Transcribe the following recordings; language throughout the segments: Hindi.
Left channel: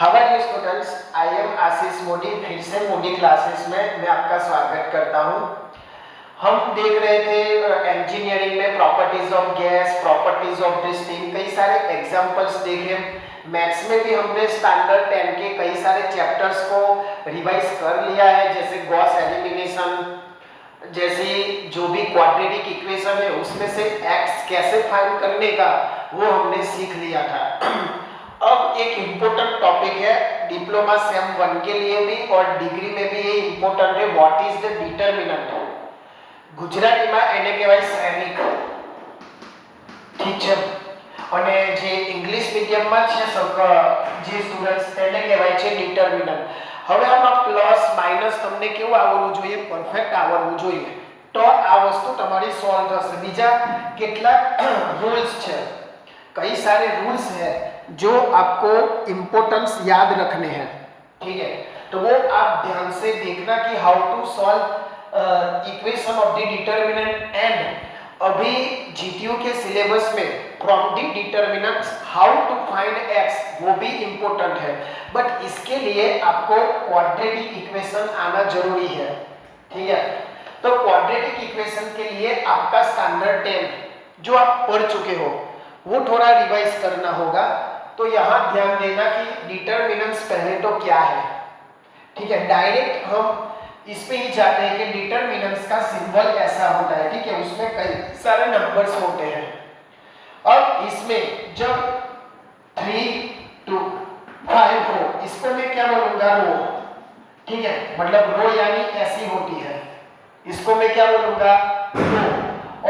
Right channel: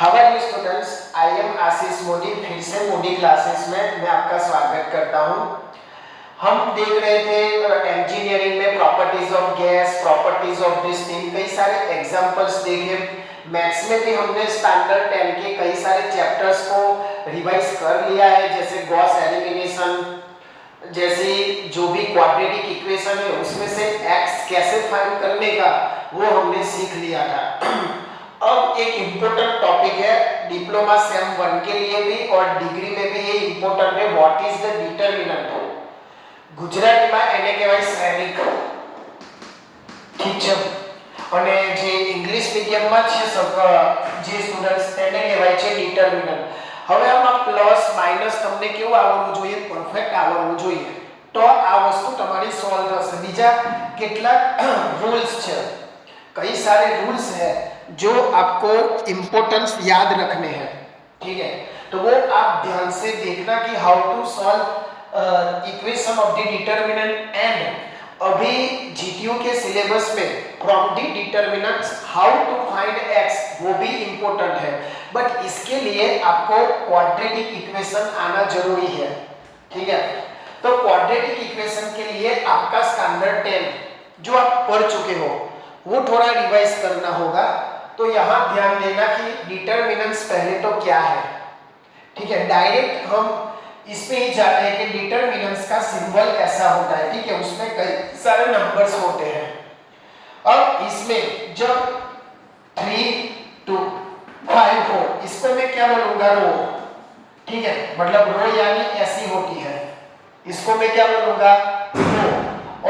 हाउ स्टूडेंट्स, आई एम आशीष मोदी। फिर से मोदी क्लासेस में मैं आपका स्वागत करता हूं। हम देख रहे थे इंजीनियरिंग में properties of gas, properties of this thing, कई सारे एग्जांपल्स देखे। मैथ्स में भी हमने स्टैंडर्ड 10 के कई सारे चैप्टर्स को रिवाइज कर लिया है, जैसे गॉस एलिमिनेशन, जैसे जो भी क्वाड्रेटिक इक्वेशन है उसमें से x कैसे फाइंड करने का वो हमने सीख लिया था। अब एक इम्पोर्टेंट टॉपिक है डिप्लोमा सेम 1 के लिए भी और डिग्री में भी ये इम्पोर्टेंट है, व्हाट इज द डिटरमिनेंट। ગુજરાતીમાં એને કહેવાય શ્રેણિક, ઠીક છે। અને જે ઇંગ્લિશ મીડિયમમાં છે જે સ્ટુડન્ટ્સ તેને કહેવાય છે ડિટરમિનન્ટ। હવે આમાં પ્લસ માઈનસ તમને કેવું આવડવું જોઈએ? પરફેક્ટ આવડવું જોઈએ, તો આ વસ્તુ તમારી સોલ્વ થશે। બીજા કેટલાક રૂલ્સ છે, कई सारे रूल्स हैं जो आपको इंपॉर्टेंस याद रखने हैं, ठीक है। तो वो आप ध्यान से देखना कि how to solve equation of the determinant. And अभी जीटीयू के सिलेबस में from the determinants how to find X वो भी इंपॉर्टेंट है, बट इसके लिए आपको क्वाड्रेटिक इक्वेशन आना जरूरी है, ठीक है। तो क्वाड्रेटिक इक्वेशन के लिए आपका स्टैंडर्ड 10 जो आप पढ़ चुके हो वो थोड़ा रिवाइज करना होगा। तो यहाँ ध्यान देना कि डिटरमिनेंट्स पहले तो क्या है, ठीक है। डायरेक्ट हम इसमें ही जाते हैं कि डिटरमिनेंट्स का सिंबल ऐसा होता है, ठीक है। उसमें कई सारे नंबर्स होते हैं। अब इसमें जब 3 2 5 हो, इसको मैं क्या बोलूंगा? रो, ठीक है। मतलब रो यानी ऐसी होती है, इसको मैं क्या बोलूंगा? रो।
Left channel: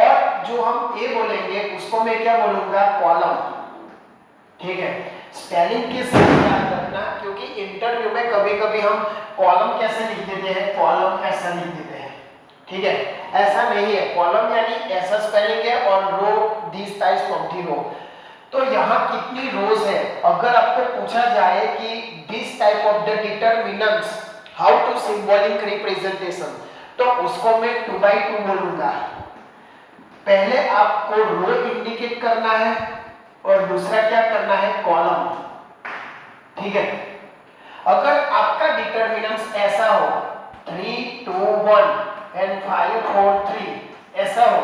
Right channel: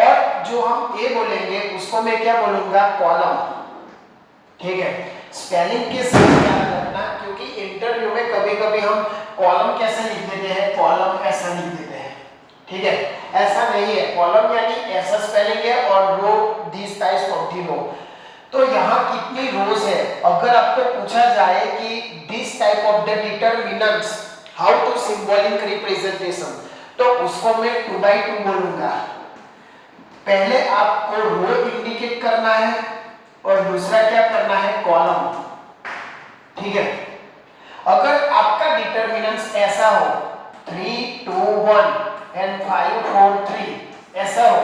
और जो हम ए बोलेंगे उसको मैं क्या बोलूंगा? कॉलम, ठीक है। स्पेलिंग के साथ ध्यान रखना, क्योंकि इंटरव्यू में कभी कभी हम कॉलम कैसे लिख देते हैं, कॉलम ऐसा लिख देते हैं, ठीक है। ऐसा नहीं है, कॉलम यानी ऐसा स्पेलिंग है और row this types of the रो। तो यहाँ कितनी रोज है? अगर आपको पूछा जाए कि this type of the determinants how to symbolic representation, तो उसको मैं 2/2 बोलूंगा। पहले आपको रो इंडिकेट करना है और दूसरा क्या करना है? कॉलम, ठीक है। अगर आपका डिटरमिनेंट्स ऐसा हो 3 2 1 एंड 5 4 3 ऐसा हो,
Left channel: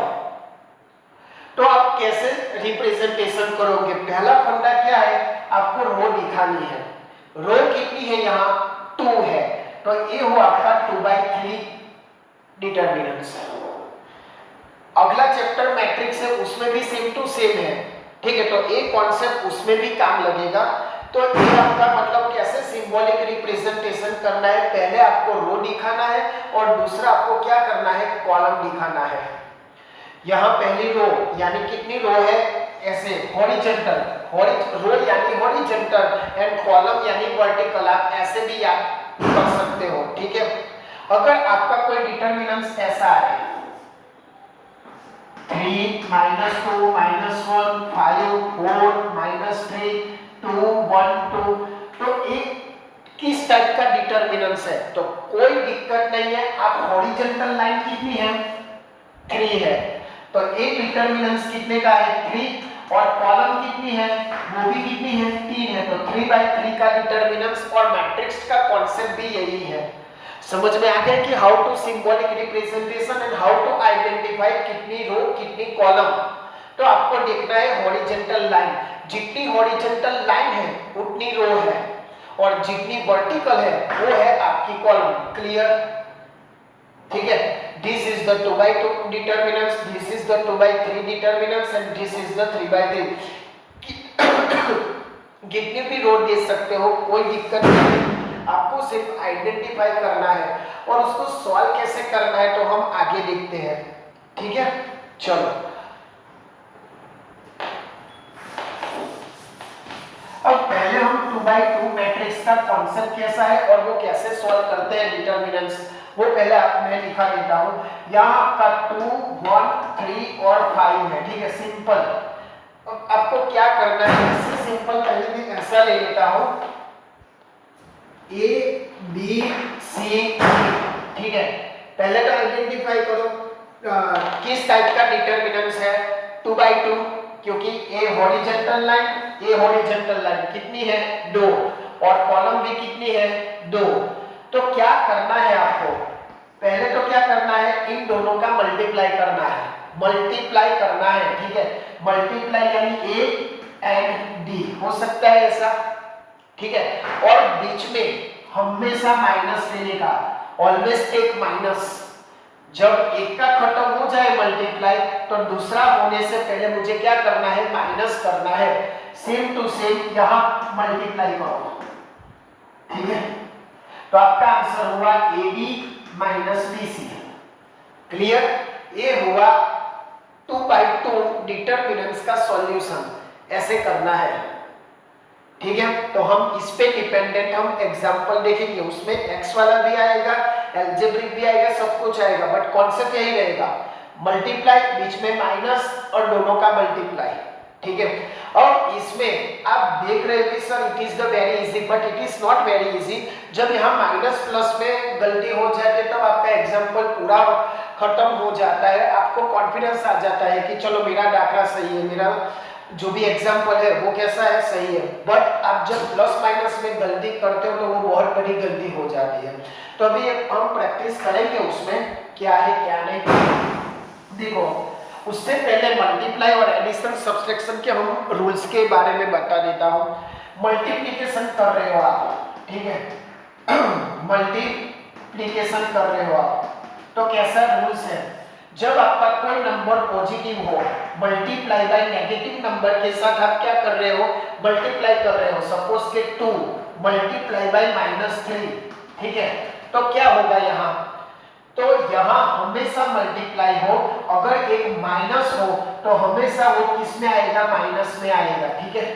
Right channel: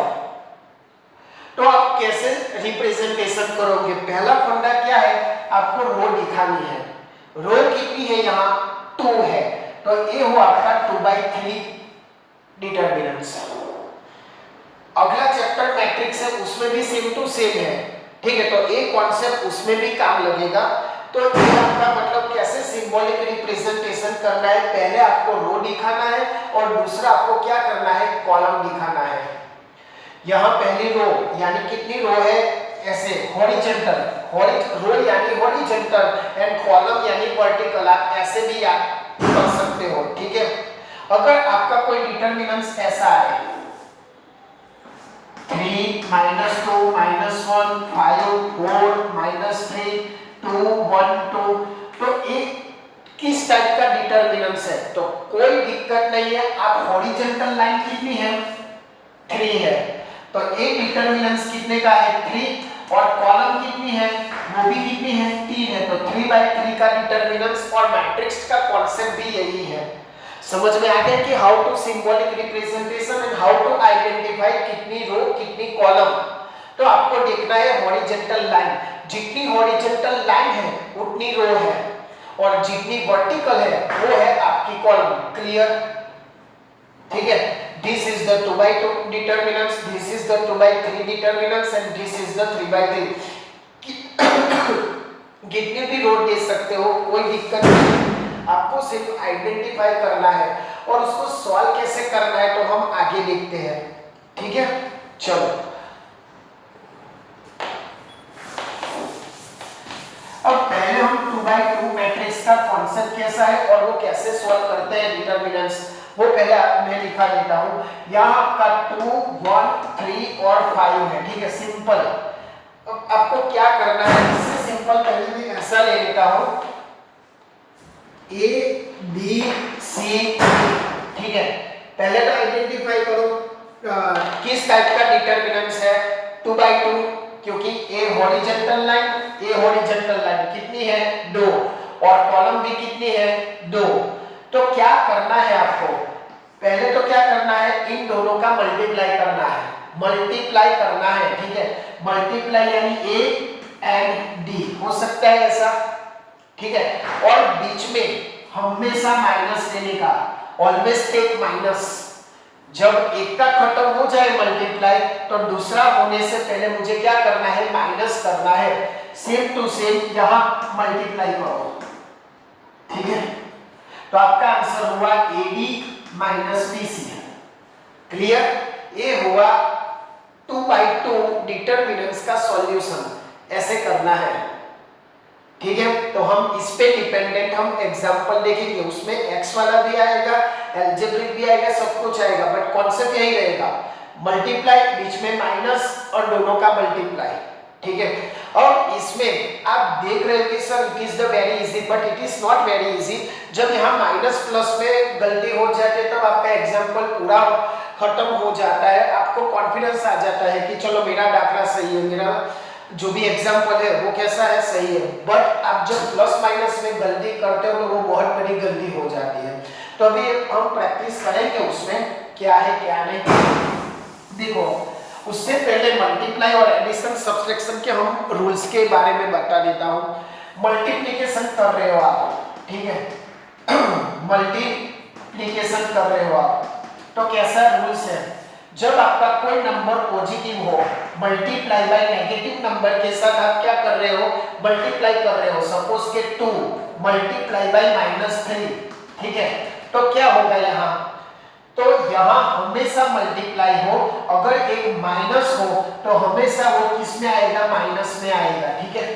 तो आप कैसे रिप्रेजेंटेशन करोगे? पहला फंडा क्या है? आपको रो दिखानी है। रो कितनी है? यहाँ 2 है, तो ये हुआ आपका 2/3 डिटरमिनेंट्स। अगला चैप्टर मैट्रिक्स है, उसमें भी सेम टू सेम है, ठीक है। तो एक कॉन्सेप्ट उसमें भी काम लगेगा। तो ये आपका मतलब कैसे सिंबॉलिक रिप्रेजेंटेशन करना है, पहले आपको रो दिखाना है और दूसरा आपको क्या करना है? कॉलम दिखाना है। यहाँ पहली रो यानी कितनी रो है? ऐसे हॉरिजॉन्टल, रो यानी हॉरिजॉन्टल एंड कॉलम यानी वर्टिकल, आप ऐसे भी आप कर सकते हो, ठीक है। अगर आपका कोई डिटरमिनेंट्स ऐसा है 3 -2 -1 5 4 -3 2 1 2, तो एक किस टाइप का डिटरमिनेंट्स है? तो कोई दिक्कत नहीं है। आप हॉरिजॉन्टल लाइन कितनी है? 3 है, तो एक डिटरमिनेंट्स कितने का है? 3, और कॉलम कितनी है? वो भी कितनी है? 3 है, तो 3/3 का डिटरमिनेंट्स। और मैट्रिक्स का कॉन्सेप्ट भी यही है। समझ में आ गया कि how to symbolic representation and how to identify कितनी रो कितनी कॉलम। तो आपको देखना है हॉरिजॉन्टल लाइन, जितनी हॉरिजॉन्टल लाइन है उतनी रो है और जितनी वर्टिकल है वो है आपकी कॉलम। क्लियर, ठीक है। This is the 2/2 determinants, this is the 2/3 determinants and this is the 3/3। कितनी भी रो दे सकते हो, कोई दिक्कत नहीं, आपको सिर्फ आइडेंटिफाई करना है और उसको सॉल्व कैसे करना है तो हम आगे देखते हैं, ठीक है। चलो, अब पहले हम 2/2 मैट्रिक्स का कॉन्सेप्ट कैसा है और वो कैसे सॉल्व करते हैं डिटरमिनेंट्स, वो पहले मैं लिखा देता हूं। यहाँ आपका 2 1 3 और 5 है, ठीक है, सिंपल। अब आपको क्या करना है? इससे सिंपल पहले मैं ऐसा ले लेता हूं A B C D, ठीक है। पहले तो आइडेंटिफाई करो किस टाइप का डिटरमिनेंट्स है। 2/2, क्योंकि ए हॉरिजॉन्टल लाइन कितनी है? 2, और कॉलम भी कितनी है 2। तो क्या करना है आपको, पहले तो क्या करना है, इन दोनों का मल्टीप्लाई करना है, मल्टीप्लाई करना है, ठीक है। मल्टीप्लाई यानी ए एंड डी, हो सकता है ऐसा, ठीक है। और बीच में हमेशा माइनस लेने का, ऑलवेज टेक माइनस। जब एक का खत्म हो जाए मल्टीप्लाई तो दूसरा होने से पहले मुझे क्या करना है, माइनस करना है। सेम टू सेम यहां मल्टीप्लाई करो, ठीक है। तो आपका आंसर हुआ एडी माइनस बीसी। क्लियर, ये हुआ 2/2 डिटरमिनेंट्स का सॉल्यूशन, ऐसे करना है, ठीक है। तो हम इस पे डिपेंडेंट हम एग्जांपल देखेंगे, उसमें एक्स वाला भी आएगा, अलजेब्रिक भी आएगा, सब कुछ आएगा, बट कॉन्सेप्ट यही रहेगा, मल्टीप्लाई बीच में माइनस और दोनों का मल्टीप्लाई, ठीक है। और इसमें आप देख रहे हो कि sir it is the very easy, but it is not very easy. जब यहाँ माइनस प्लस में गलती हो जाती है तब आपका एग्जाम्पल पूरा खत्म हो जाता है, आपको कॉन्फिडेंस आ जाता है कि चलो मेरा डाटा सही है, मेरा जो भी एग्जाम्पल है वो कैसा है, सही है। बट आप जब प्लस माइनस में गलती करते हो तो वो बहुत बड़ी गलती हो जाती है। तो अभी हम प्रैक्टिस करेंगे उसमें क्या है क्या नहीं। देखो, उससे पहले मल्टीप्लाई और एडिशन सब्सट्रैक्शन के हम रूल्स के बारे में बता देता हूँ। मल्टीप्लिकेशन कर रहे हो आप, ठीक है, मल्टीप्लिकेशन कर रहे हो आप, तो कैसा रूल्स है, जब आपका कोई नंबर पॉजिटिव हो, मल्टीप्लाई बाय नेगेटिव नंबर के साथ आप क्या कर रहे हो, मल्टीप्लाई कर रहे हो। सपोज के 2 मल्टीप्लाई बाय -3, ठीक है। तो क्या होगा यहाँ, तो यहाँ हमेशा मल्टीप्लाई हो, अगर एक माइनस हो तो हमेशा वो किस में आएगा, माइनस में आएगा, ठीक है।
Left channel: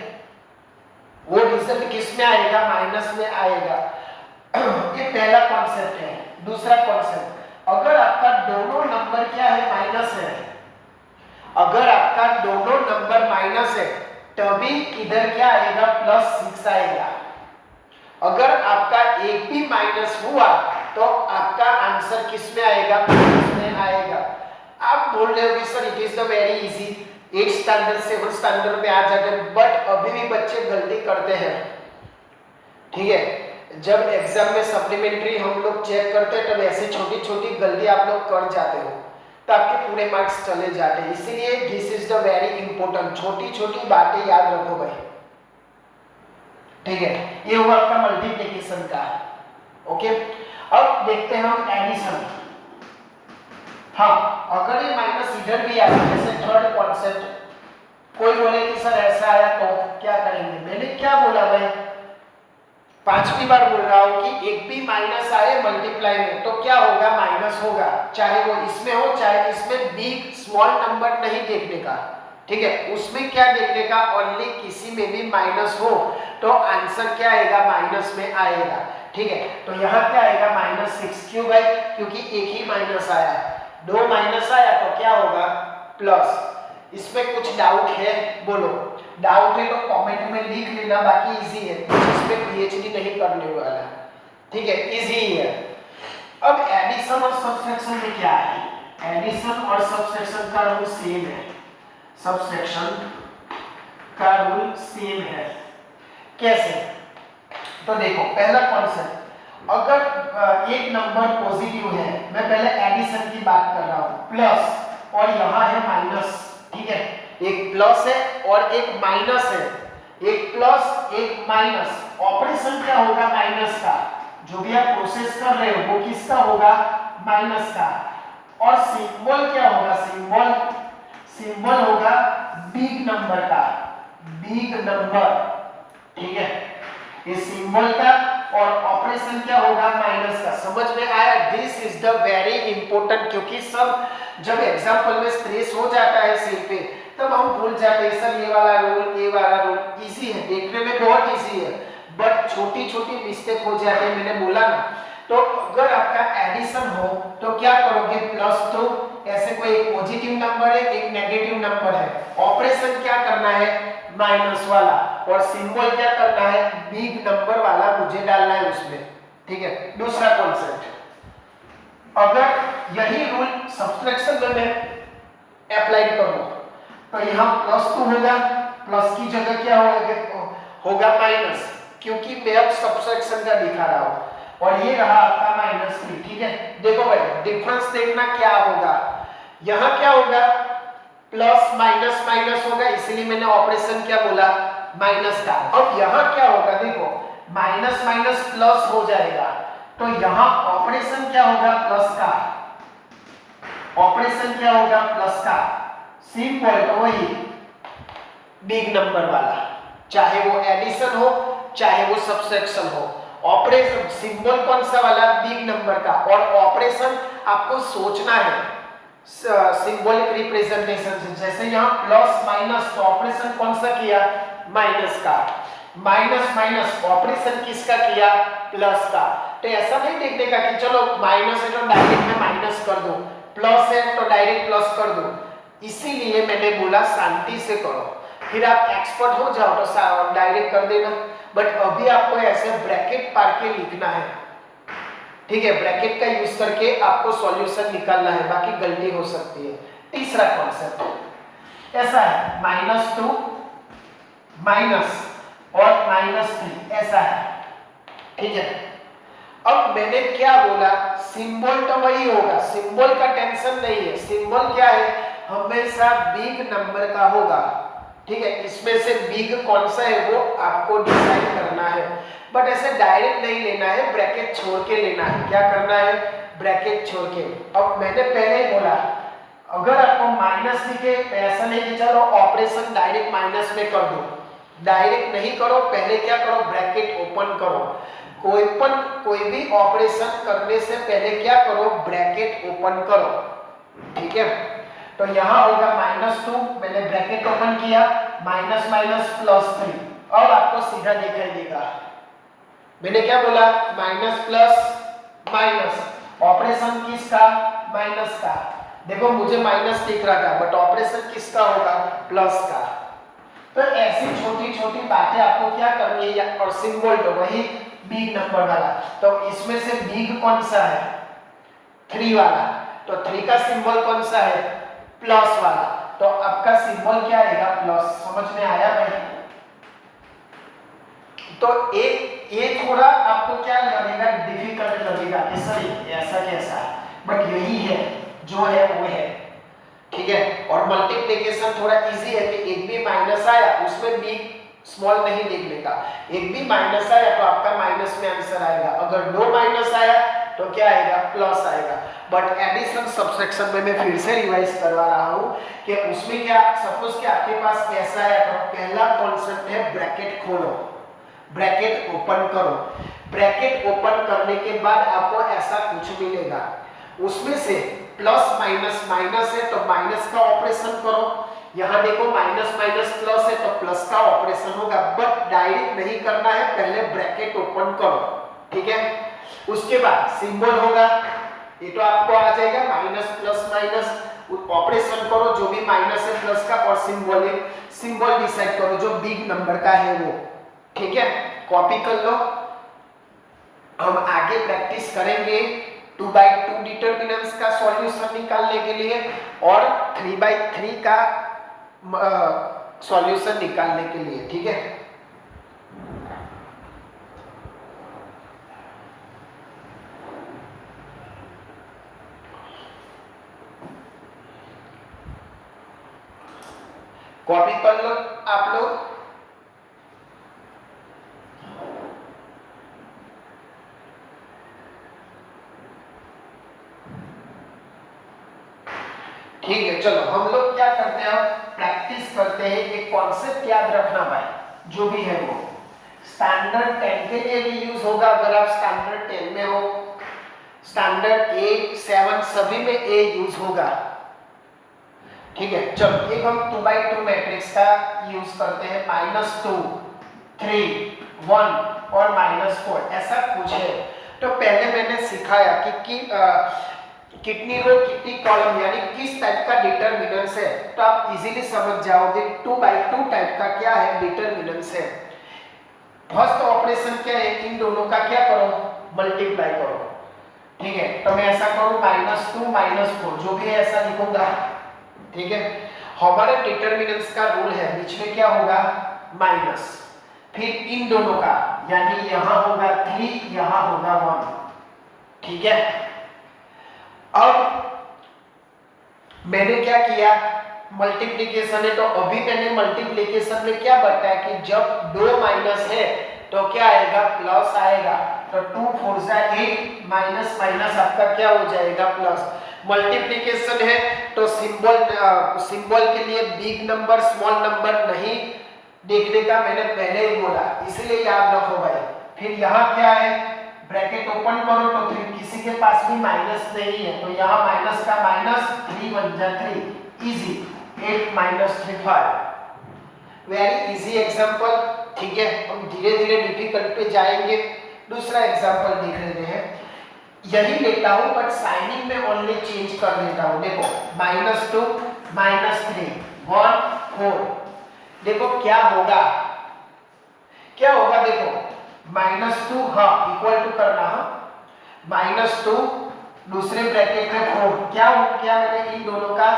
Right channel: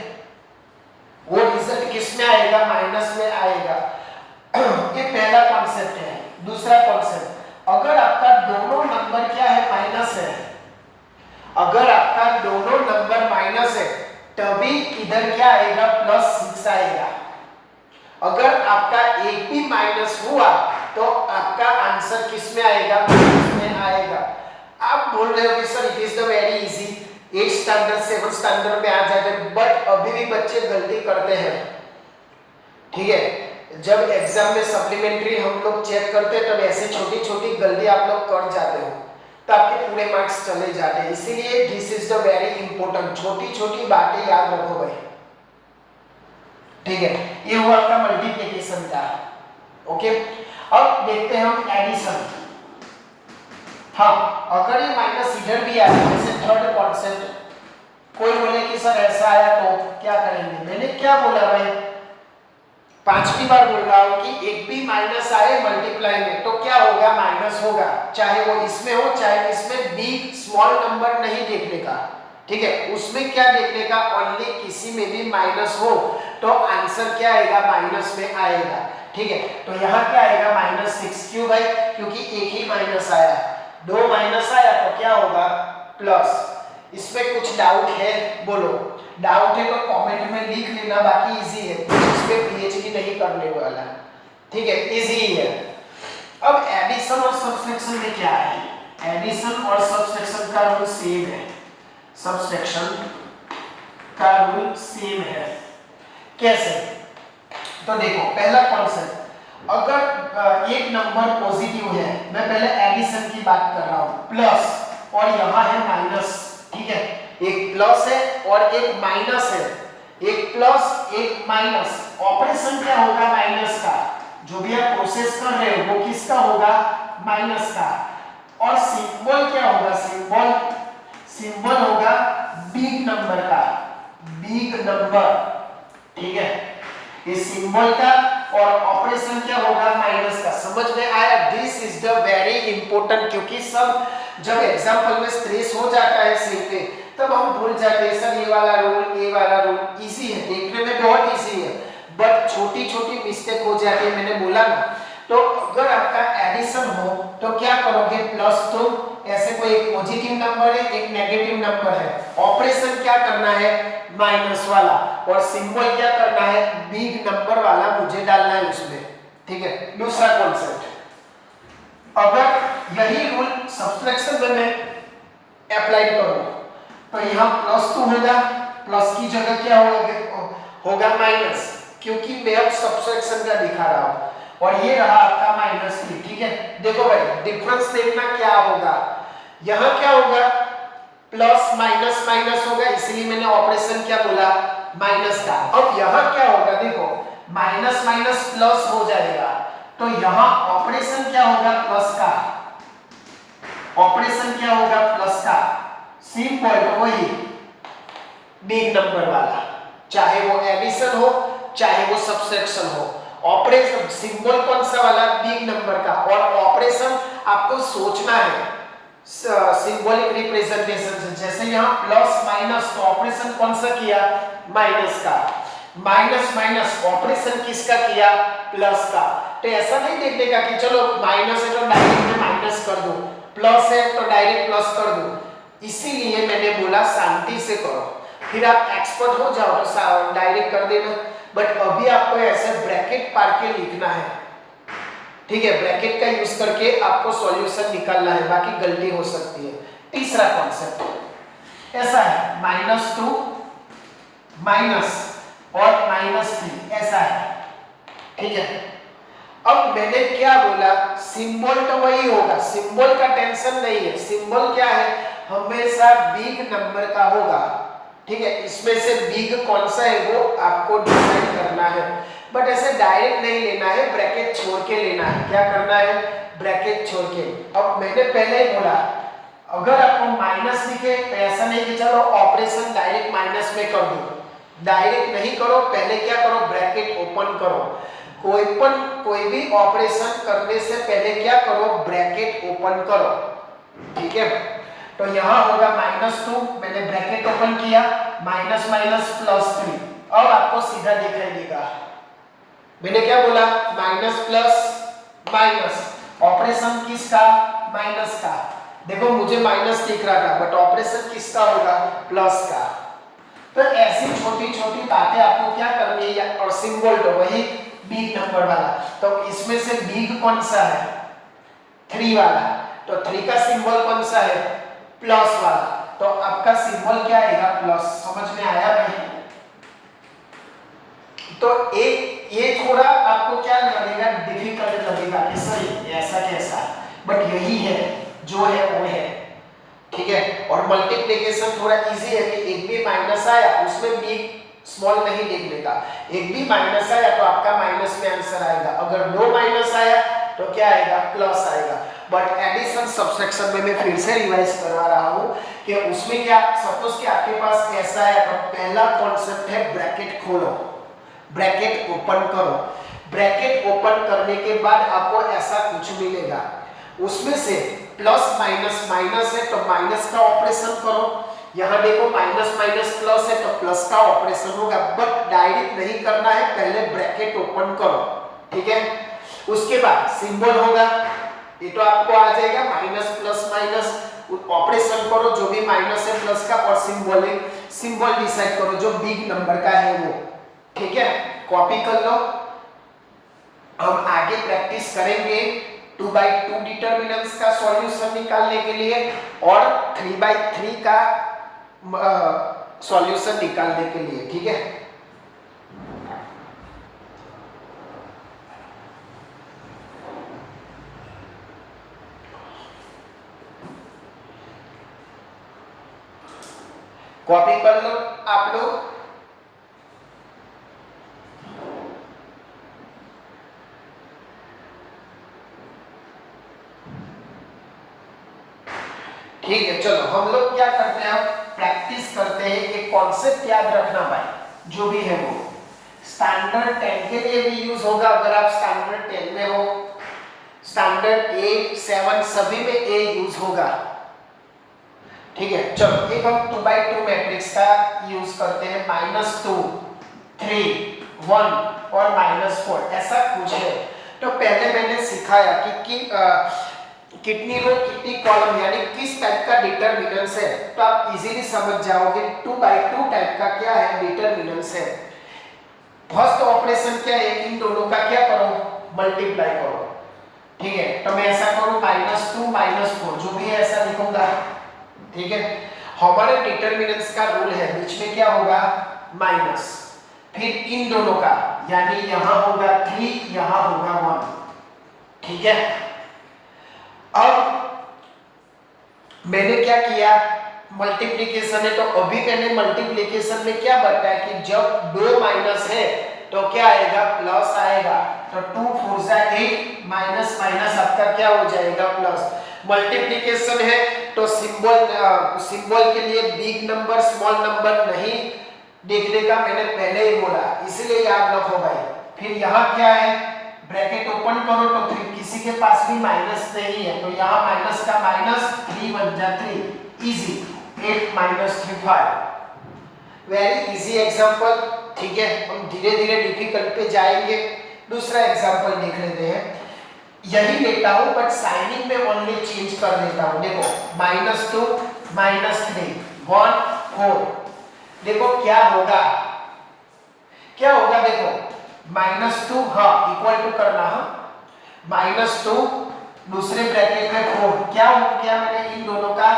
वो रिजल्ट किस में आएगा, माइनस में आएगा। ये पहला कॉन्सेप्ट है। दूसरा कॉन्सेप्ट, अगर आपका दोनों नंबर क्या है, माइनस है, अगर आपका दोनों नंबर माइनस है तभी इधर क्या आएगा, +6 आएगा। अगर आपका एक भी माइनस हुआ तो आपका आंसर किस में आएगा, माइनस में आएगा। आप बोल रहे हो कि sir it is the very easy, 8 standard 7 standard में आ जाते हैं, बट अभी भी बच्चे गलती करते हैं, ठीक है। जब एग्जाम में सप्लीमेंट्री हम लोग चेक करते हैं तब ऐसे छोटी छोटी गलती आप लोग कर जाते हो तो आपके पूरे मार्क्स चले जाते हैं। इसीलिए this is the very important, छोटी छोटी बातें याद रखो भाई, ठीक है। ये हुआ आपका मल्टीप्लिकेशन का, ओके। अब देखते हैं हम एडिशन। हाँ, अगर ये माइनस इधर भी आया, जैसे थर्ड कॉन्सेप्ट, कोई बोले कि सर ऐसा आया तो क्या करेंगे, मैंने क्या बोला भाई, 5वीं बार बोल रहा हूं कि एक भी माइनस आए मल्टीप्लाई में तो क्या होगा, माइनस होगा, चाहे वो इसमें हो चाहे इसमें। बिग स्मॉल नंबर नहीं देखने का, ठीक है। उसमें क्या देखने का, ओनली किसी में भी माइनस हो तो आंसर क्या आएगा, माइनस में आएगा, ठीक है। तो यहाँ क्या आएगा, -6, क्यों भाई, क्योंकि एक ही माइनस आया, 2 माइनस आया तो क्या होगा, प्लस। इसमें कुछ डाउट है, बोलो, डाउट है तो कमेंट में लिख लेना, बाकी इजी है, इसमें पीएचडी नहीं करने वाला, ठीक है, इजी है। अब एडिशन और सब्सट्रैक्शन में क्या है, एडिशन और सब्सट्रैक्शन का रूल सेम है, सब्सट्रैक्शन का रूल सेम है। कैसे, तो देखो, पहला कॉन्सेप्ट, अगर एक नंबर पॉजिटिव है, मैं पहले एडिशन की बात कर रहा हूं, प्लस और यहाँ है माइनस, ठीक है। एक प्लस है और एक माइनस है, एक प्लस एक माइनस, ऑपरेशन क्या होगा, माइनस का, जो भी आप प्रोसेस कर रहे हो वो किसका होगा, माइनस का। और सिंबल क्या होगा, सिंबल होगा बिग नंबर का, बिग नंबर, ठीक है, ये सिंबल का, और ऑपरेशन क्या होगा, माइनस का। समझ में आया, this is the very important, क्योंकि सब जब एग्जाम्पल में स्ट्रेस हो जाता है सिर पे तब हम भूल जाते हैं, सर ये वाला रूल, ये वाला रूल इजी है, देखने में बहुत इजी है, बट छोटी छोटी मिस्टेक हो जाती है, मैंने बोला ना। तो अगर आपका एडिशन हो तो क्या करोगे, +2, ऐसे कोई एक पॉजिटिव नंबर है एक नेगेटिव नंबर है, ऑपरेशन क्या करना है, माइनस वाला, और सिंबल क्या करना है, बिग नंबर वाला मुझे डालना है उसमें, ठीक है। दूसरा कॉन्सेप्ट, अगर यही रूल सब्सट्रैक्शन में मैं अप्लाई करूं तो यहाँ +2 होगा, प्लस की जगह क्या होगा माइनस, क्योंकि मैं अब सब्ट्रैक्शन का दिखा रहा हूं। और ये रहा आपका -3, ठीक है। देखो भाई डिफरेंस देखना क्या होगा, यहां क्या होगा, प्लस माइनस माइनस होगा, इसलिए मैंने ऑपरेशन क्या बोला, माइनस का। अब यहां क्या होगा, देखो माइनस माइनस प्लस हो जाएगा, तो यहां ऑपरेशन क्या होगा, प्लस का। ऑपरेशन क्या होगा, प्लस का। सिंपल, तो वही बिग नंबर वाला, चाहे वो एडिशन हो चाहे वो सब्ट्रैक्शन हो, ऑपरेशन सिंबल कौन सा वाला, बिग नंबर का। और ऑपरेशन आपको सोचना है सिंबॉलिक रिप्रेजेंटेशन से। जैसे यहाँ प्लस माइनस, तो ऑपरेशन कौन सा किया, माइनस का। माइनस माइनस ऑपरेशन किसका किया, प्लस का। तो ऐसा नहीं देखने का कि चलो माइनस है तो डायरेक्ट में माइनस कर दो, प्लस है तो डायरेक्ट प्लस कर दो। इसीलिए मैंने बोला शांति से करो, फिर आप एक्सपर्ट हो जाओ तो डायरेक्ट कर देना। बट अभी आपको ऐसे ब्रैकेट पार के लिखना है, ठीक है। ब्रैकेट का यूज करके आपको सॉल्यूशन निकालना है, बाकी गलती हो सकती है। तीसरा कॉन्सेप्ट ऐसा है, -2 माइनस और -3 ऐसा है, ठीक है। अब मैंने क्या बोला, सिंबल तो वही होगा, सिंबल का टेंशन नहीं है। सिंबल क्या है, हमेशा बिग नंबर का होगा, ठीक है। इसमें से बिग कौन सा है वो आपको डिसाइड करना है, बट ऐसे डायरेक्ट नहीं लेना है, ब्रैकेट छोड़ के लेना है। क्या करना है, ब्रैकेट छोड़ के। अब मैंने पहले ही बोला, अगर आपको माइनस दिखे तो ऐसा नहीं कि चलो ऑपरेशन डायरेक्ट माइनस में कर दो, डायरेक्ट नहीं करो, पहले क्या करो, ब्रैकेट ओपन करो। कोई भी ऑपरेशन करने से पहले क्या करो, ब्रैकेट ओपन करो, ठीक है। तो यहां होगा -2, मैंने ब्रैकेट ओपन किया, माइनस माइनस +3। अब आपको सीधा दिखाई देगा, मैंने क्या बोला, माइनस प्लस माइनस, ऑपरेशन किसका, माइनस का। देखो मुझे माइनस दिख रहा था, बट ऑपरेशन किसका होगा, प्लस का। तो ऐसी छोटी छोटी बातें आपको क्या करनी है, और सिंबल तो वही बिग नंबर वाला। तो इसमें से बिग कौन सा है, 3 वाला, तो 3 का सिंबल कौन सा है, प्लस वाला। तो आपका सिंबल क्या आएगा, प्लस। समझ में आया भाई। तो ये थोड़ा आपको क्या लगेगा, डिफिकल्ट लगेगा कि सर ऐसा कैसा, बट यही है जो है वो है, ठीक है। और मल्टीप्लिकेशन थोड़ा इजी है कि एक भी माइनस आया उसमें बिग स्मॉल नहीं लिखने का, एक भी माइनस आया तो आपका माइनस में आंसर आएगा, अगर 2 माइनस आया तो क्या आएगा, प्लस आएगा। बट एडिशन सब्ट्रैक्शन में मैं फिर से रिवाइज करवा रहा हूं कि उसमें क्या, सपोज कि आपके पास ऐसा है, तो पहला कॉन्सेप्ट है ब्रैकेट खोलो, ब्रैकेट ओपन करो। ब्रैकेट ओपन करने के बाद आपको ऐसा कुछ मिलेगा, उसमें से प्लस माइनस माइनस है तो माइनस का ऑपरेशन करो, यहां देखो माइनस माइनस प्लस है तो प्लस का ऑपरेशन होगा, बट डायरेक्ट नहीं करना है, पहले ब्रैकेट ओपन करो, ठीक है। उसके बाद सिंबल होगा, ये तो आपको आ जाएगा, माइनस प्लस माइनस ऑपरेशन करो, जो भी माइनस है प्लस का, और सिंबल डिसाइड करो जो बिग नंबर का है वो, ठीक है। कॉपी कर लो, हम आगे प्रैक्टिस करेंगे 2/2 डिटरमिनेंट्स का सॉल्यूशन निकालने के लिए और 3/3 का सॉल्यूशन निकालने के लिए, ठीक है। कॉपी कर लो आप लोग। ठीक है, चलो हम लोग क्या करते हैं, प्रैक्टिस करते हैं। एक कॉन्सेप्ट याद रखना भाई, जो भी है वो स्टैंडर्ड 10 के लिए भी यूज होगा, अगर आप स्टैंडर्ड 10 में हो, स्टैंडर्ड 8, 7 सभी में ए यूज होगा, ठीक है। चलो एक हम 2/2 मैट्रिक्स का यूज करते हैं, -2, 3, 1 और -4 ऐसा कुछ है। तो पहले मैंने सिखाया कि कितनी रो कितनी कॉलम, यानी किस टाइप का डिटरमिनेंट्स है, तो आप इजीली समझ जाओगे 2/2 टाइप का क्या है, डिटरमिनेंट्स है। फर्स्ट ऑपरेशन क्या है, इन दोनों का क्या करो, मल्टीप्लाई करो, ठीक है। तो मैं ऐसा करूं -2 -4, जो भी है ऐसा लिखूंगा, ठीक है। हमारे डिटरमिनेंट्स का रूल है, बीच में क्या होगा, माइनस, फिर इन दोनों का, यानी यहां होगा 3, यहां होगा 1। ठीक है, अब मैंने क्या किया, मल्टीप्लिकेशन है तो अभी मैंने मल्टीप्लिकेशन में क्या बताया कि जब दो माइनस है तो क्या आएगा, प्लस आएगा। तो 2 4 जा 8, माइनस माइनस आपका क्या हो जाएगा, प्लस। मल्टीप्लिकेशन है तो सिंबल के लिए बिग नंबर स्मॉल नंबर नहीं देखने का मैंने पहले ही बोला, इसलिए याद रखो भाई। फिर यहाँ क्या है, ब्रैकेट ओपन करो तो फिर किसी के पास भी माइनस नहीं है तो यहाँ माइनस का माइनस, 3 1 जा 3, easy. 8 minus 3 5, very easy example. ठीक है, हम धीरे धीरे डिफिकल्ट पे जाएंगे। दूसरा एग्जांपल देख लेते हैं, यही लेता हूं बट साइनिंग में ओनली चेंज कर देता हूं। देखो -2 -3 1 4, देखो क्या होगा, क्या होगा, देखो -2, हाँ इक्वल टू करना, हाँ -2 दूसरे ब्रैकेट में 4, क्या हो गया, मैंने इन दोनों का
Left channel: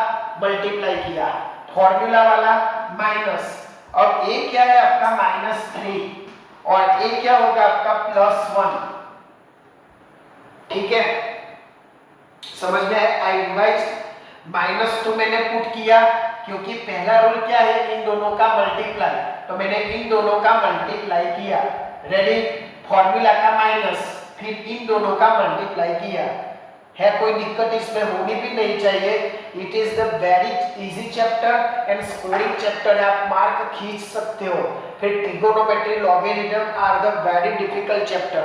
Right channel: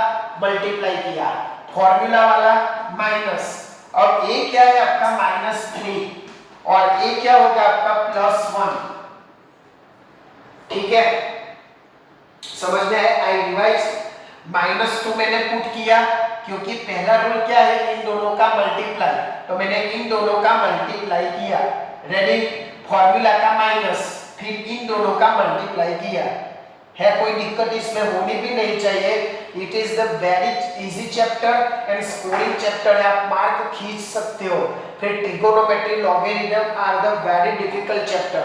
मल्टीप्लाई किया, फॉर्मूला वाला माइनस। अब ये क्या है आपका -3 और ये क्या होगा आपका +1। ठीक है, समझ में आया, आई रिवाइज। -2 मैंने पुट किया क्योंकि पहला रूल क्या है, इन दोनों का मल्टीप्लाई, तो मैंने इन दोनों का मल्टीप्लाई किया, रेडी। फॉर्मूला का माइनस, फिर इन दोनों का मल्टीप्लाई किया। है कोई दिक्कत इसमें होनी भी नहीं चाहिए। It is the very easy chapter and scoring chapter है, आप मार्क खींच सकते हो। फिर trigonometry, logarithm are the very difficult chapter.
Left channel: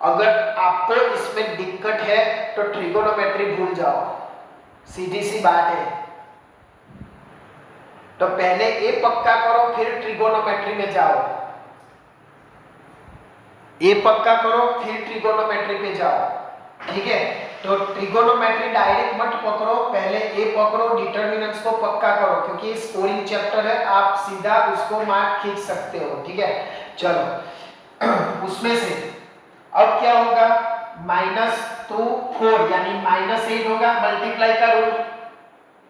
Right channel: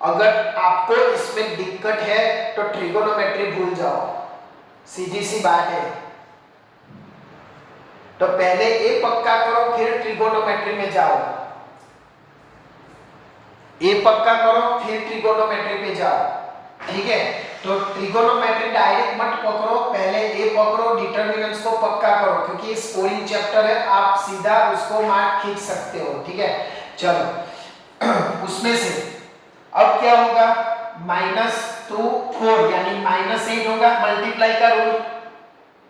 अगर आपको इसमें दिक्कत है तो ट्रिगोनोमेट्री भूल जाओ, सीधी सी बात है। तो पहले ए पक्का करो फिर ट्रिगोनोमेट्री में जाओ, ए पक्का करो फिर ट्रिगोनोमेट्री पे जाओ। ठीक है, तो ट्रिगोनोमेट्री डायरेक्ट मत पकड़ो, पहले ए पकड़ो, डिटरमिनेंट्स को पक्का करो क्योंकि स्कोरिंग चैप्टर है, आप सीधा उसको मार्क खींच सकते हो। ठीक है, चलो उसमें से अब क्या होगा, -2 4 यानी -8 होगा, मल्टीप्लाई का रूल।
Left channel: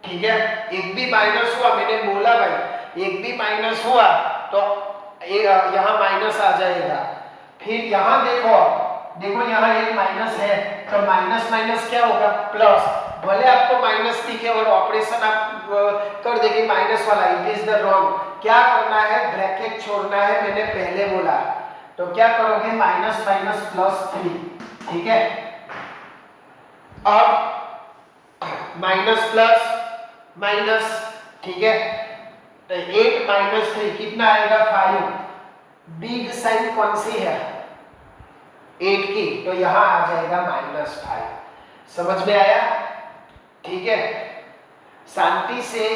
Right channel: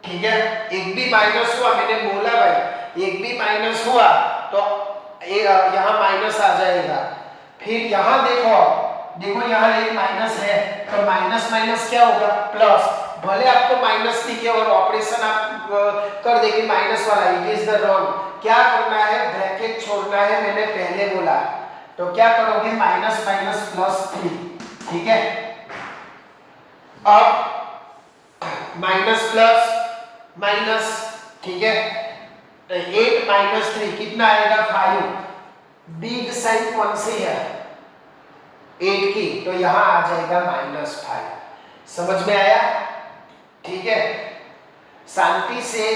ठीक है, एक भी माइनस हुआ, मैंने बोला भाई एक भी माइनस हुआ तो यहाँ माइनस आ जाएगा। फिर यहाँ देखो, देखो यहाँ एक माइनस है तो माइनस माइनस क्या होगा, प्लस। भले आपको माइनस दिखे और ऑपरेशन आप कर देंगे माइनस वाला, इट इज द रॉन्ग। क्या करना है, ब्रैकेट छोड़ना है, मैंने पहले बोला। तो क्या करोगे, माइनस माइनस +3। ठीक है, अब माइनस प्लस माइनस, ठीक है, तो 8 - 3 कितना आएगा, 5। बिग साइन कौन सी है, 8 की, तो यहां आ जाएगा -5। समझ में आया? ठीक है, शांति से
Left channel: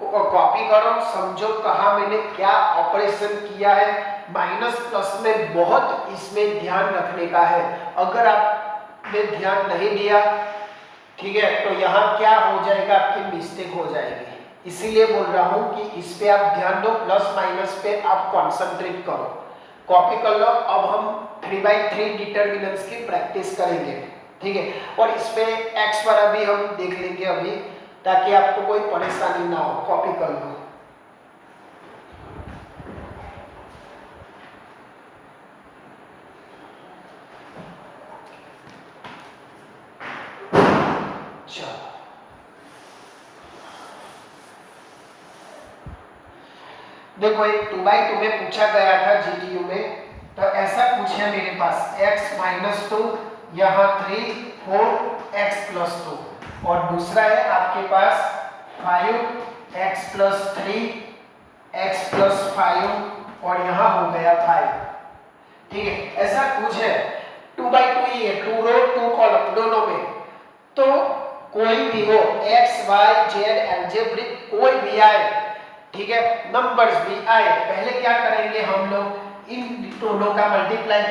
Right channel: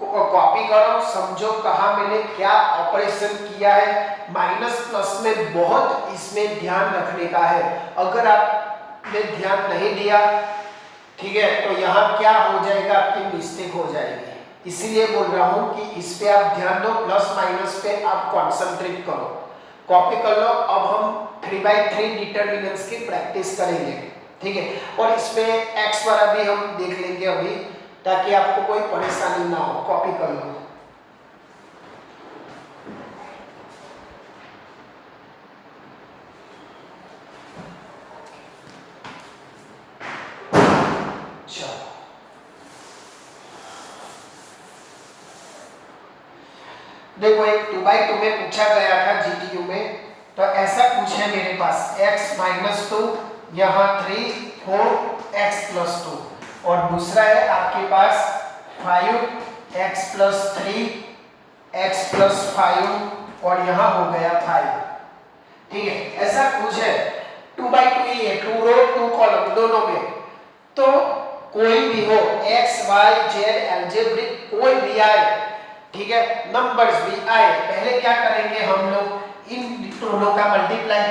कॉपी करो, समझो कहा मैंने क्या ऑपरेशन किया है। माइनस प्लस में बहुत इसमें ध्यान रखने का है, अगर आपने ध्यान नहीं दिया, ठीक है, तो यहाँ क्या हो जाएगा, आपकी मिस्टेक हो जाएगी। इसीलिए बोल रहा हूँ कि इस पे आप ध्यान दो, प्लस माइनस पे आप कॉन्सेंट्रेट करो, कॉपी कर लो। अब हम 3/3 डिटरमिनेंट्स की प्रैक्टिस करेंगे। ठीक है, और इसमें एक्स वाला भी हम देख लेंगे अभी, ताकि आपको कोई परेशानी ना हो। कॉपी कर लो। देखो एक 2/2 में पूछा गया था जीटीयू में, तो ऐसा कुछ है मेरे पास, x -2 यहाँ 3 4 x + 2, और दूसरा है आपके पास 5x + 3 x + 5 और यहाँ हो गया 5। ठीक है, ऐसा कुछ है। 2/2 ही है, 2 रो 2 कॉलम दोनों में, तो कोई भी हो x y z अलजेब्रिक कोई भी आए, ठीक है, नंबर्स भी आए, पहले क्या करेंगे हम लोग, इन दोनों का मल्टीप्लाई।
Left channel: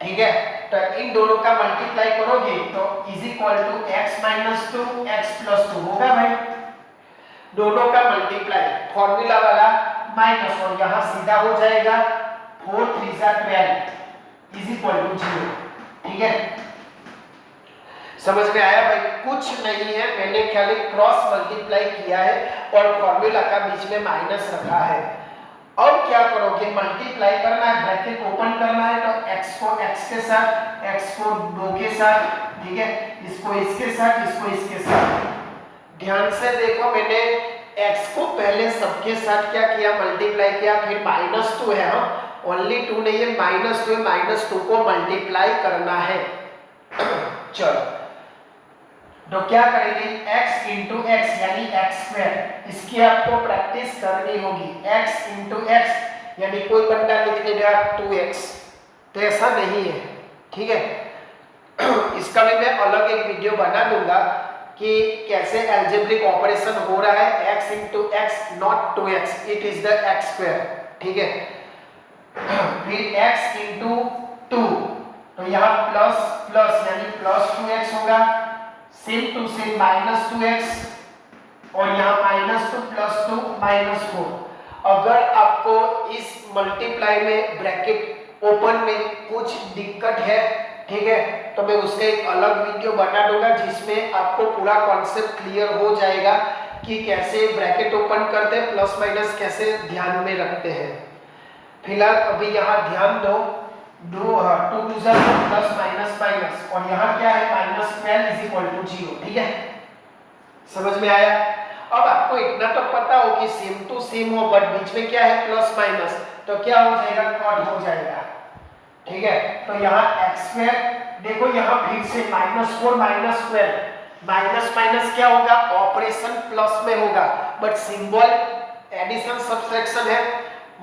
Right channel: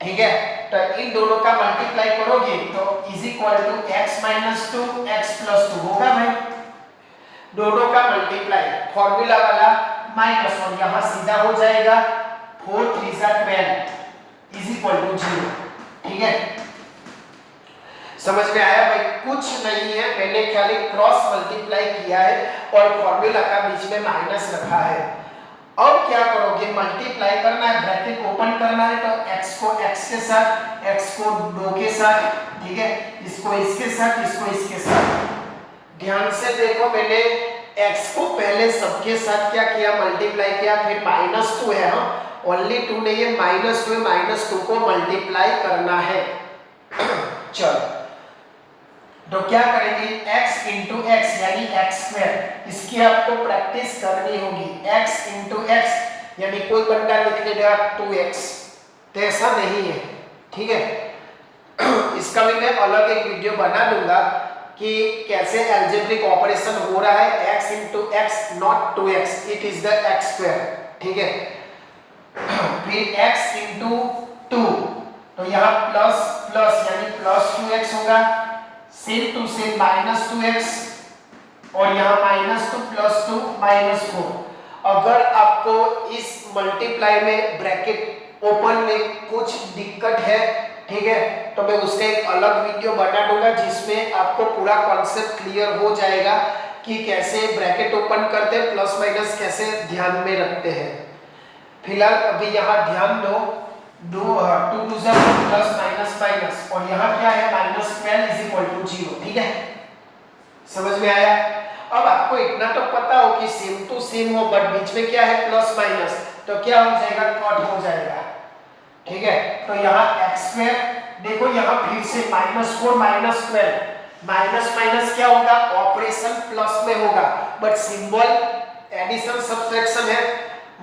ठीक है, तो इन दोनों का मल्टीप्लाई करोगे तो is equal to x - 2 x + 2 होगा भाई। दोनों का मल्टीप्लाई फॉर्मूला वाला माइनस, और यहाँ सीधा हो जाएगा 4 3 12 इज इक्वल टू 0। ठीक है, समझ में आया भाई? कुछ नहीं है, मैंने खाली क्रॉस मल्टीप्लाई किया है और फॉर्मूला का बीच में माइनस रखा है। अब क्या करोगे, मल्टीप्लाई करना है, ब्रैकेट ओपन करना है, तो x को x के साथ, x को 2 के साथ, ठीक है, इसको इसके साथ, इसको इसके साथ। ध्यान से देखो, मैंने x को पहले सबके साथ क्या किया, मल्टीप्लाई किया, फिर -2 है, हम ओनली 2 नहीं है, -2 -2 को मल्टीप्लाई करना है। चलो, तो क्या करेंगे, x इंटू एक्स यानी x², इसकी आपको प्रैक्टिस करनी होगी। x इंटू एक्स यानी कोई बंदा लिख लेगा 2x, तो ऐसा नहीं है, ठीक है। इसका भी मैं अलग एक वीडियो बना दूंगा कि कैसे अलजेब्रिक ऑपरेशन हो रहा है, x into x not 2x, it is the x², ठीक है। फिर x इंटू 2, तो यहाँ प्लस प्लस यानी +2x होगा, सेम टू सेम -2x, और यहाँ -2 +2 -4। अगर आपको इस मल्टीप्लाई में ब्रैकेट ओपन में कुछ दिक्कत है, ठीक है, तो मैं उसका एक अलग वीडियो बना दूंगा जिसमें आपको पूरा कॉन्सेप्ट क्लियर हो जाएगा कि कैसे ब्रैकेट ओपन करते हैं, प्लस माइनस कैसे ध्यान में रखते हैं। फिलहाल अभी यहाँ ध्यान दो, 2 2 प्लस माइनस माइनस, और यहाँ क्या है, -12 = 0, ठीक है, समझ में आया। अब आपको इतना तो पता हो कि सेम टू सेम हो, बट बीच में क्या है, प्लस माइनस, तो क्या हो जाएगा, कट हो जाएगा, ठीक है। तो यहाँ x² देखो, यहाँ फिर से -4 -12, माइनस माइनस क्या होगा, ऑपरेशन प्लस में होगा, बट सिंबल एडिशन सब्ट्रैक्शन है,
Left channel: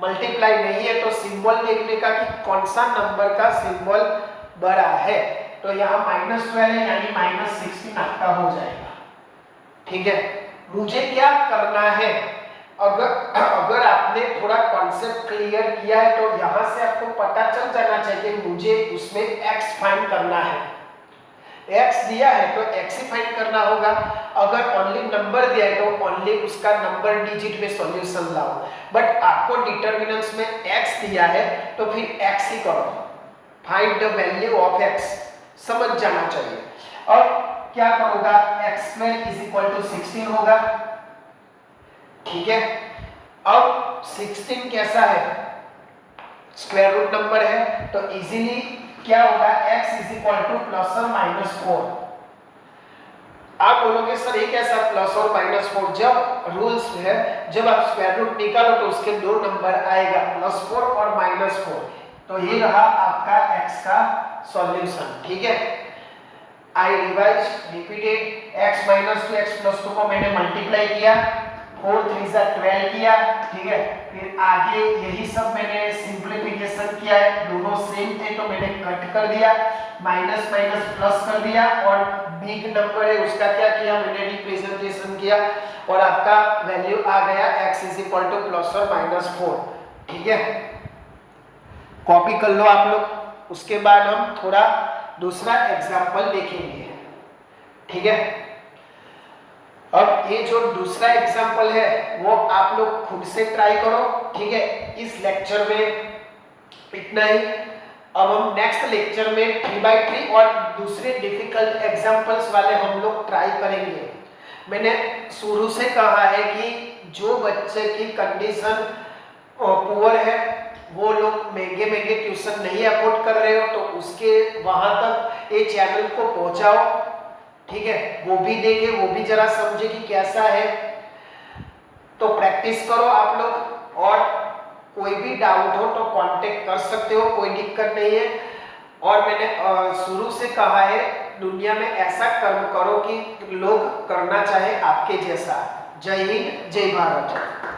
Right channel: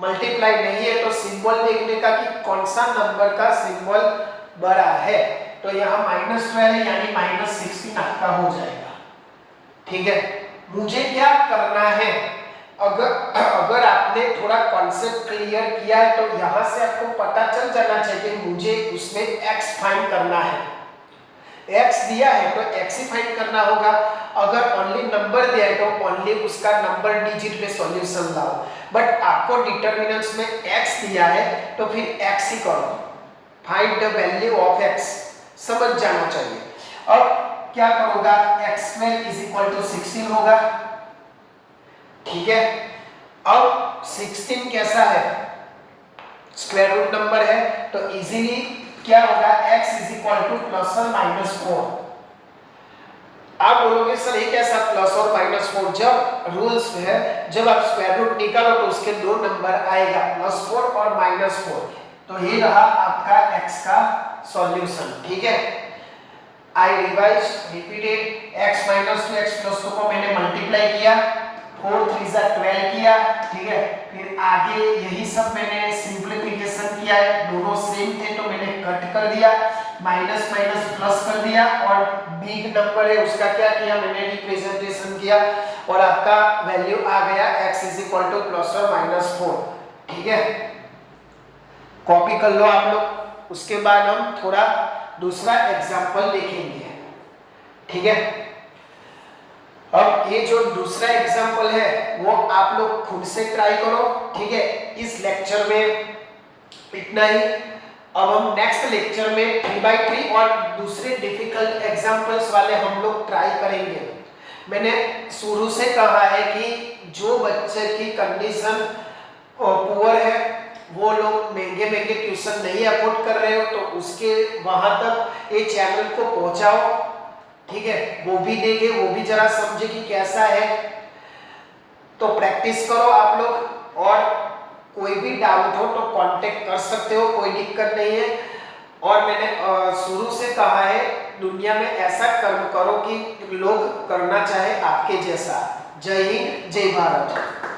मल्टीप्लाई नहीं है, तो सिंबल देखने का कि कौन सा नंबर का सिंबल बड़ा है। तो यहाँ -12 है यानी -16 आपका हो जाएगा, ठीक है। मुझे क्या करना है, अगर आपने थोड़ा कॉन्सेप्ट क्लियर किया है तो यहाँ से आपको पता चल जाना चाहिए मुझे उसमें x फाइंड करना है। x दिया है तो x ही फाइंड करना होगा, अगर ओनली नंबर दिया है तो ओनली उसका नंबर डिजिट में सॉल्यूशन लाओ, बट आपको डिटरमिनेंट्स में x दिया है तो फिर x ही करो, find the value of x, समझ जाना चाहिए। अब क्या करोगा, x² = 16 होगा, ठीक है। अब 16 कैसा है, स्क्वायर रूट नंबर है, तो इजीली क्या होगा, x ±4। आप बोलोगे सर ये कैसा प्लस और -4, जब रूल्स में है, जब आप स्क्वायर रूट निकालो तो उसके 2 नंबर आएगा, +4 और -4, तो ये रहा आपका x का सॉल्यूशन, ठीक है। I revise repeated, x -2 x +2 को मैंने मल्टीप्लाई किया, 4 3 12 किया, ठीक है। फिर आगे यही सब मैंने सिंपलीफिकेशन किया है, दोनों सेम थे तो मैंने कट कर दिया, माइनस माइनस प्लस कर दिया, और बिग नंबर है उसका क्या किया, मैंने रिप्रेजेंटेशन किया, और आपका वैल्यू आ गया x +or-4, ठीक है। कॉपी कर लो आप लोग, उसके बाद हम थोड़ा दूसरा एग्जाम्पल देखेंगे, ठीक है। अब ये जो दूसरा एग्जाम्पल है वो आप लोग खुद से ट्राई करो, ठीक है। इस लेक्चर में इतना ही, अब हम नेक्स्ट लेक्चर में 3x3 और दूसरे डिफिकल्ट एग्जाम्पल्स वाले हम लोग ट्राई करेंगे। मैंने शुरू से कहा है कि जो बच्चे की कंडीशन पुअर है, वो लोग महंगे महंगे ट्यूशन नहीं अफोर्ड कर रहे हो, तो उसके वहां तक ये चैनल को पहुंचाओ, ठीक है। वो भी देखे, वो भी जरा समझे कि कैसा है, तो प्रैक्टिस करो आप लोग, और कोई भी डाउट हो तो कांटेक्ट कर सकते हो, कोई दिक्कत नहीं है। और मैंने शुरू से कहा है, दुनिया में ऐसा कर्म करो कि लोग करना चाहे आपके जैसा। जय हिंद, जय भारत।